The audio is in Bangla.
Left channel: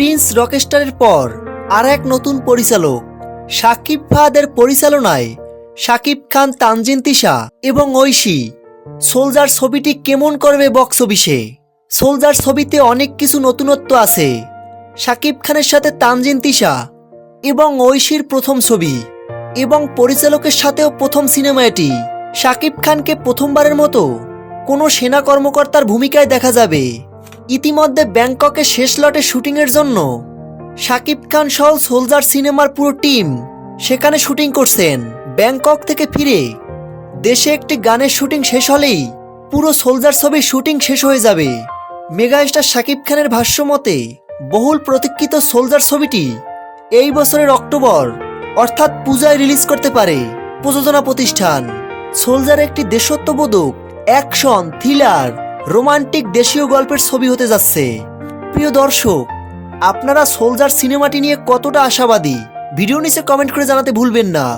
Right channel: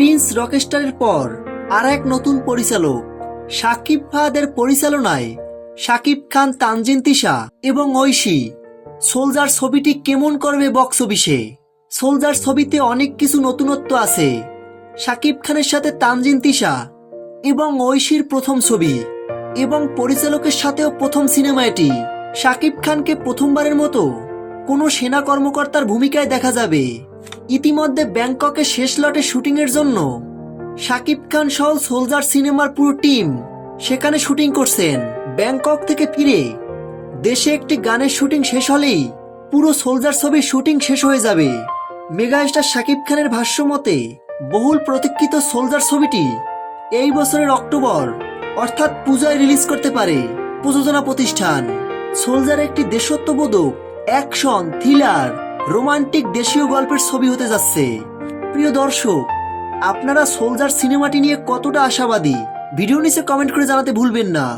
প্রিন্স রকস্টারের পর আর এক নতুন পরিচালক শাকিব ফাহাদের পরিচালনায় শাকিব খান, তানজিন তিশা এবং ঐশী সোলজার ছবিটি কেমন করবে বক্স অফিসে। সোলজার ছবিতে অনেক কিছু নতুনত্ব আছে। শাকিব খানের সাথে তানজিন তিশা এবং ঐশীর প্রথম ছবি এবং পরিচালকের সাথেও প্রথম সিনেমা এটি। শাকিব খানকে প্রথমবারের মতো কোনো সেনা কর্মকর্তার ভূমিকায় দেখা যাবে। ইতিমধ্যে ব্যাংককের শেষ লটে শুটিংয়ের জন্য শাকিব খান সহ সোলজার সিনেমার পুরো টিম সেখানে শুটিং করছেন। ব্যাংকক থেকে ফিরে দেশে একটি গানের শুটিং শেষ হলেই পুরো সোলজার ছবির শুটিং শেষ হয়ে যাবে। মেগাস্টার শাকিব খানের ভাষ্য মতে বহুল প্রতীক্ষিত সোলজার ছবিটি এই বছরের অক্টোবর অর্থাৎ পূজায় রিলিজ করতে পারে প্রযোজনা প্রতিষ্ঠান। সোলজার একটি দেশত্ববোধক, অ্যাকশন, থ্রিলার, রোমান্টিক দেশীয় গল্পের ছবি হতে যাচ্ছে। প্রিয় দর্শক, আপনারা সোলজার সিনেমাটি নিয়ে কতটা আশাবাদী ভিডিও নিচে কমেন্ট করে জানাতে ভুলবেন না।